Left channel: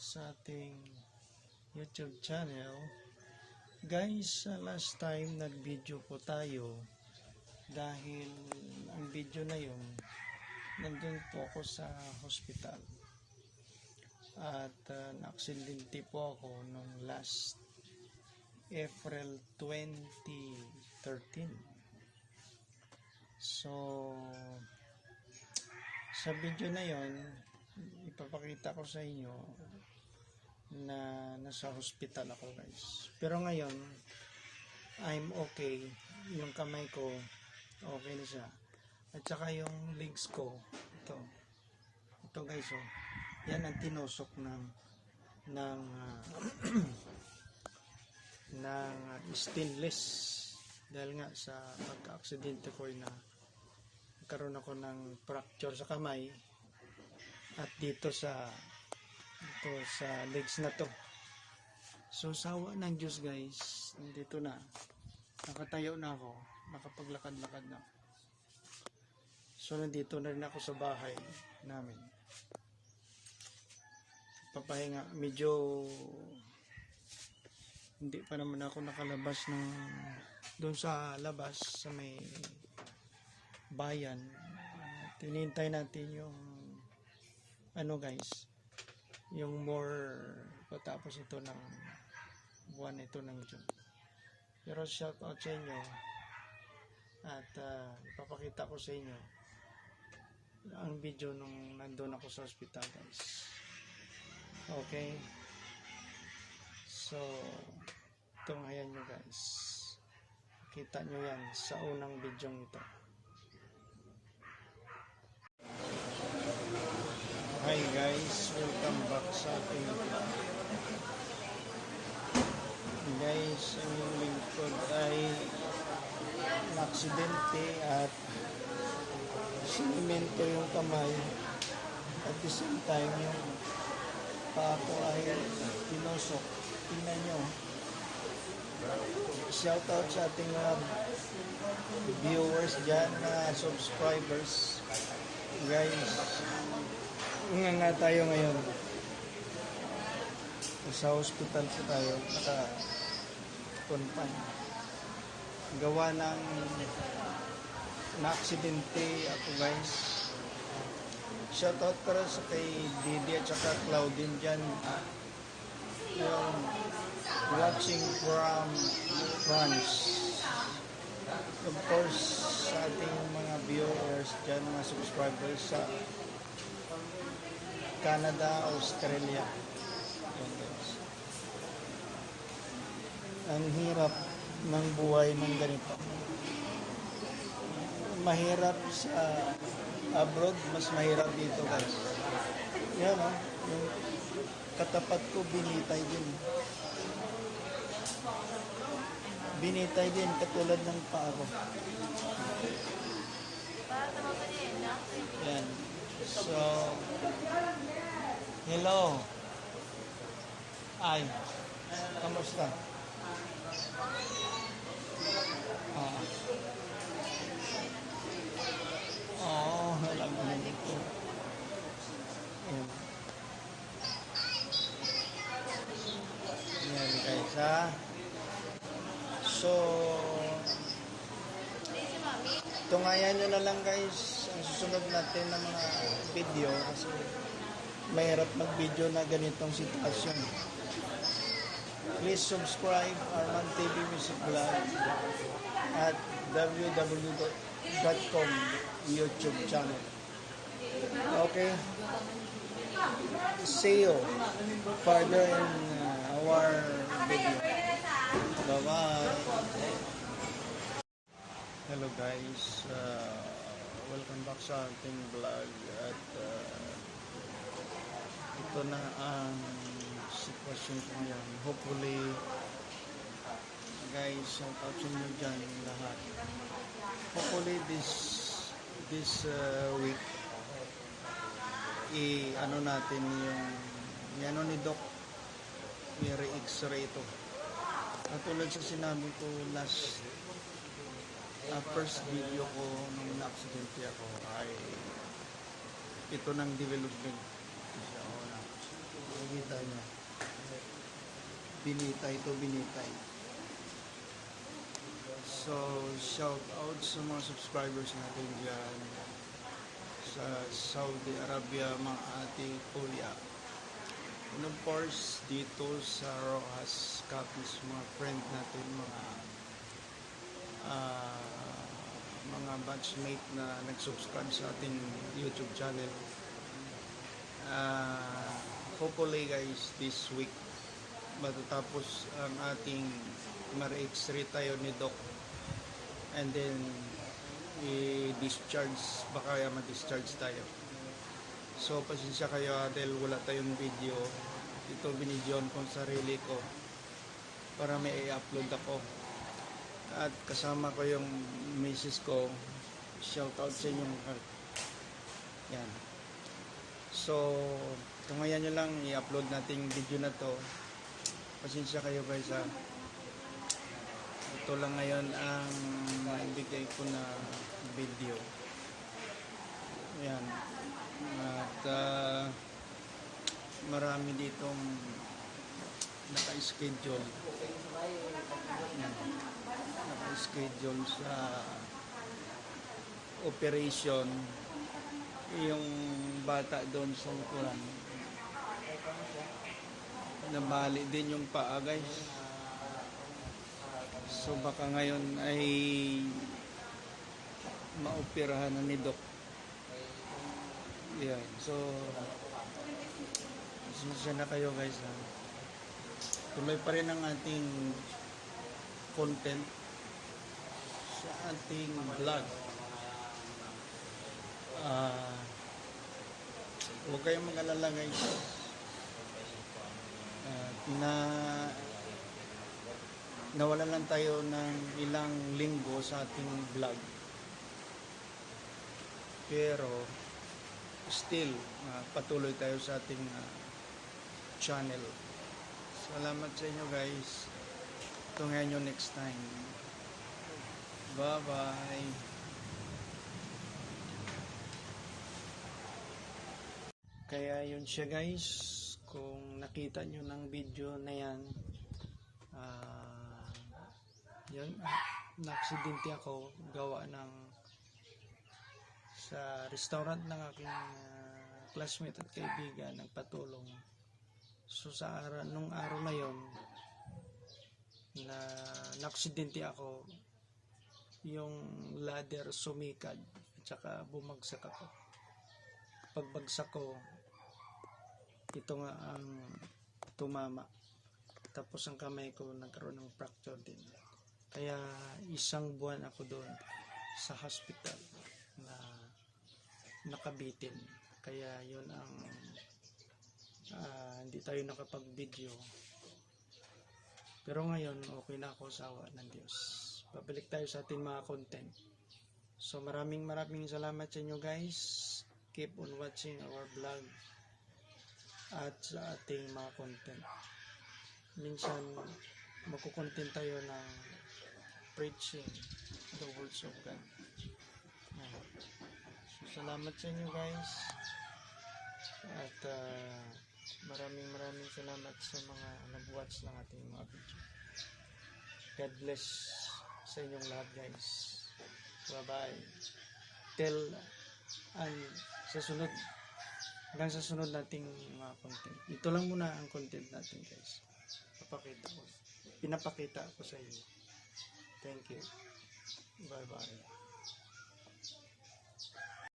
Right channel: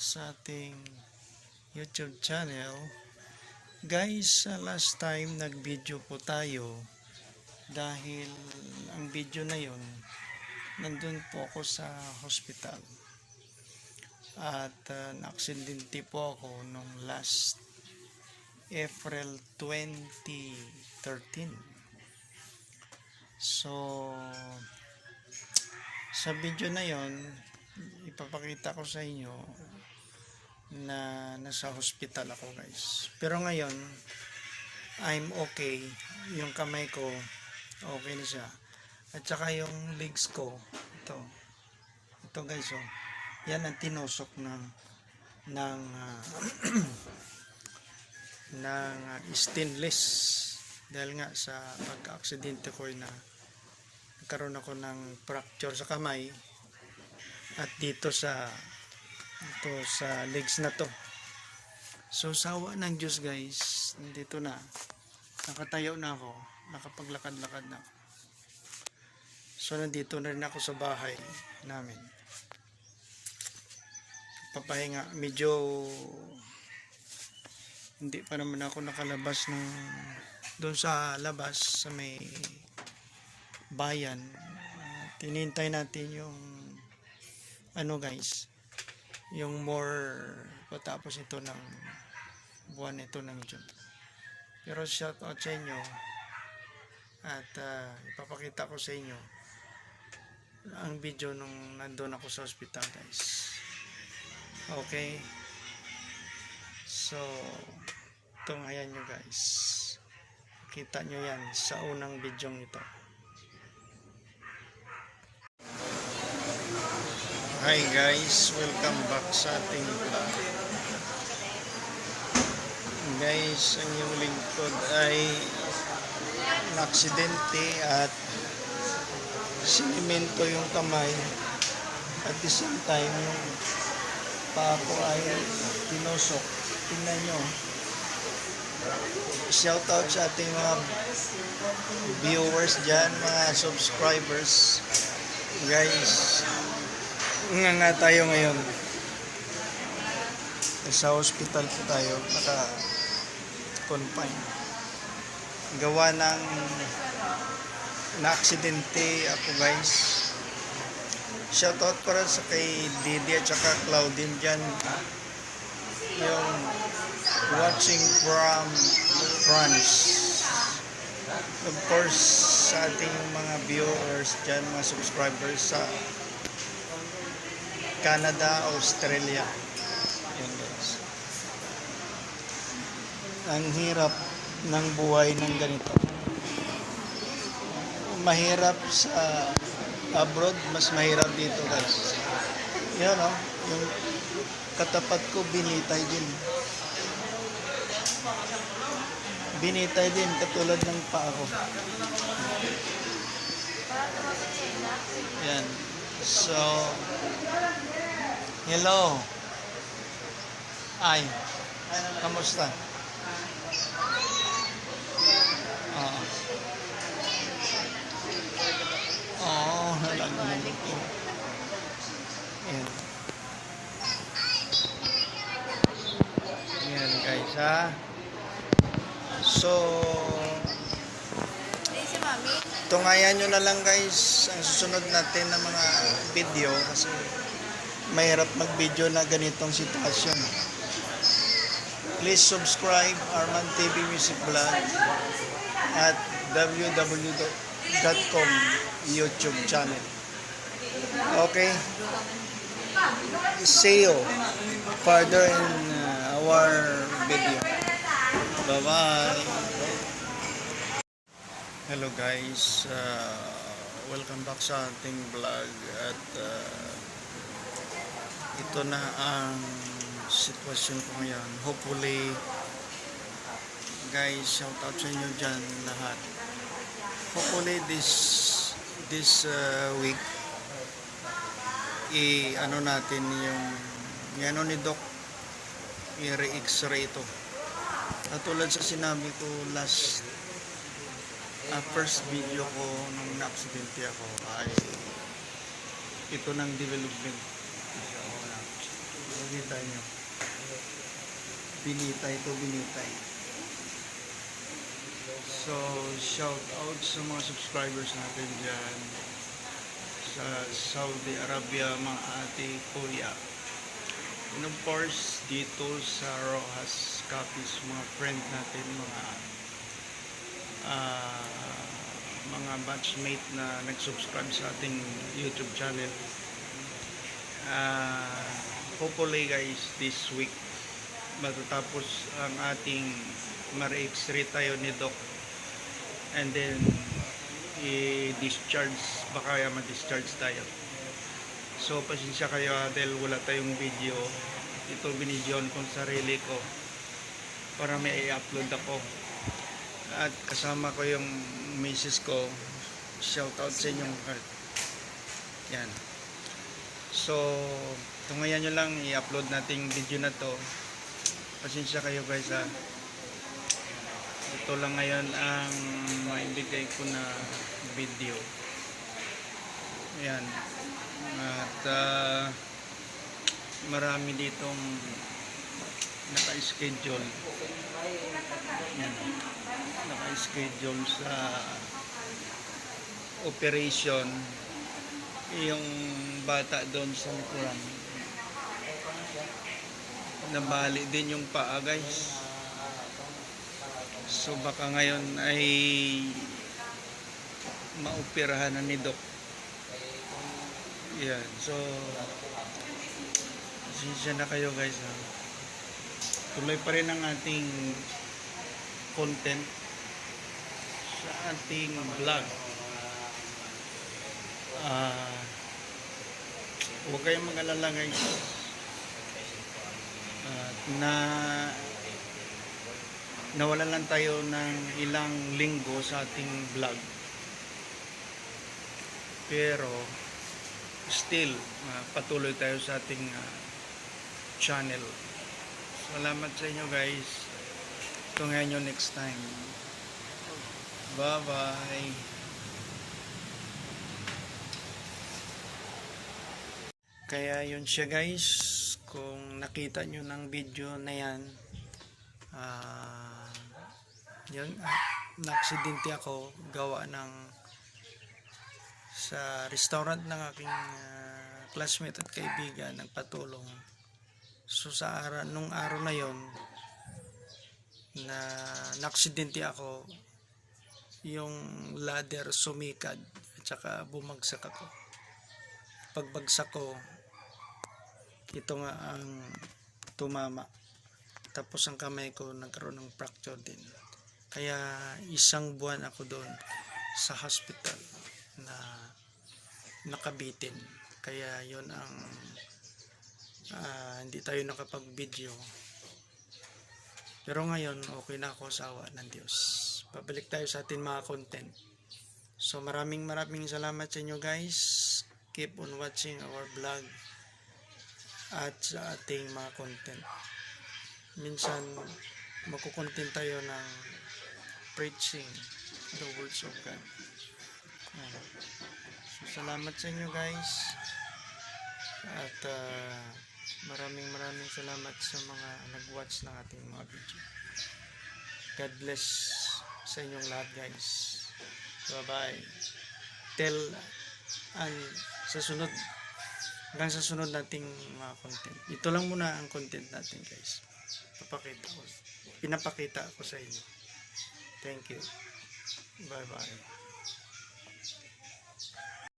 sa ating YouTube channel. Guys, last time nag-video po tayo dahil ang video na yon nandun po ako sa hospital at na-aksidente po ako nung last April 2013. So sa video na yon ipapakita ko sa inyo na nasa hospital ako, guys. Pero ngayon I'm okay. Yung kamay ko okay na siya, at saka yung legs ko ito guys, oh, yan ang tinusok ng stainless dahil nga sa pagka-aksidente ko na nagkaroon ako ng fracture sa kamay at dito sa legs na to. So sawa ng Diyos, guys, dito na, nakatayo na ako, nakapaglakad-lakad na ako. So nandito na rin ako sa bahay namin, papahinga. Medyo hindi pa naman ako nakalabas doon sa labas sa may bayan. Tinintay natin yung guys, yung more patapos ito ng buwan ito ng June. Pero shout out sa inyo at ipapakita ko sa inyo ang video nung nandun ako sa hospital, guys. Okay, so ito nga yan nyo, guys. Kita nyo yan sa unang video ito. Hi guys, welcome back sa ating vlog. Guys, ang yung lingkod ay naksidente at sinimento yung kamay, at the same time yung paa ko ay tinusok. Tingnan nyo. Shout out sa ating mga viewers dyan, mga subscribers. Guys, nga tayo ngayon. Sa hospital po tayo, naka-confine. Gawa ng na-aksidente ako, guys. Shoutout para sa kay Didi at saka Claudine dyan. Yung watching from France. Of course, sa ating mga viewers dyan, mga subscribers sa Canada, Australia. Yan, guys. Ang hirap ng buhay ng ganito. Mahirap sa abroad, mas mahirap dito, guys. Yan, oh, yung katapat ko binitay din. Binitay din katulad ng paa ko. Yan. So hello. Ay, kamusta? Yan guys, ha. So tungayan nyo na lang, guys, ang susunod natin na mga video kasi mahirap mag-video na ganitong sitwasyon. Please subscribe Arman TV Music Vlog at www.com YouTube channel. Okay, see you further in our video. Bye bye. Hello guys, welcome back sa ating vlog. At ito na ang sitwasyon ko ngayon. Hopefully guys, shout out sa inyo dyan lahat. Hopefully this week ano natin yung ni Doc, i-re-x-ray ito. Katulad sa sinabi ko last first video ko nung na-aksidente ako ay ito ng development. Nakita nyo. Binitay to binitay. So, shout out sa mga subscribers natin dyan sa Saudi Arabia, mga ate, kuya. And of course, dito sa Rojas Copies, mga friend natin, mga batchmate na nag-subscribe sa ating YouTube channel. Hopefully guys, this week matatapos ang ating ma-re-x-ray tayo ni Doc, and then i-discharge, baka ma-discharge tayo. So pasensya kayo dahil wala tayong video. Ito binidyoan kong sarili ko para may i-upload ako, at kasama ko yung misis ko. Shout out sa inyong heart. Yan. So tungayan nyo lang, i-upload nating video na to. Pasensya kayo guys ha. Ito lang ngayon ang maibigay ko na video. Yan. At marami ditong naka-schedule. Yan. Naka-schedule sa operation. Yung bata doon sa likuran, nabali din yung paa guys. So baka ngayon ay maoperahan na ni Doc. Yan. So pasensya na kayo guys ha. Tuloy pa rin ang ating content sa ating vlog. Huwag kayong mag-alala guys. Nawalan lang tayo ng ilang linggo sa ating vlog, pero still patuloy tayo sa ating channel. Salamat sa inyo guys. Tungayan nyo next time. Bye bye. Kaya yun siya guys. Kung nakita nyo ng video na yan, yun, na-aksidente ako gawa ng sa restaurant ng aking classmate at kaibigan, nagpatulong. So sa nung araw na yon na na-aksidente ako, yung ladder sumikad at saka bumagsak ako. Pagbagsak ko, ito nga ang tumama, tapos ang kamay ko nagkaroon ng fracture din. Kaya 1 buwan ako doon sa hospital na nakabitin. Kaya yon ang hindi tayo nakapag-video. Pero ngayon okay na ako sa awa ng Diyos. Pabalik tayo sa ating mga content. So maraming salamat sa inyo guys. Keep on watching our vlog at sa ating mga content. Minsan magkukontent tayo ng preaching the words of God. So salamat sa inyo guys, at maraming salamat sa mga nag-watch ng ating mga video. God bless sa inyong lahat guys. Bye bye. Hanggang sa sunod nating mga content. Ito lang muna ang content natin guys. Pinapakita ko sa inyo. Thank you. Bye bye.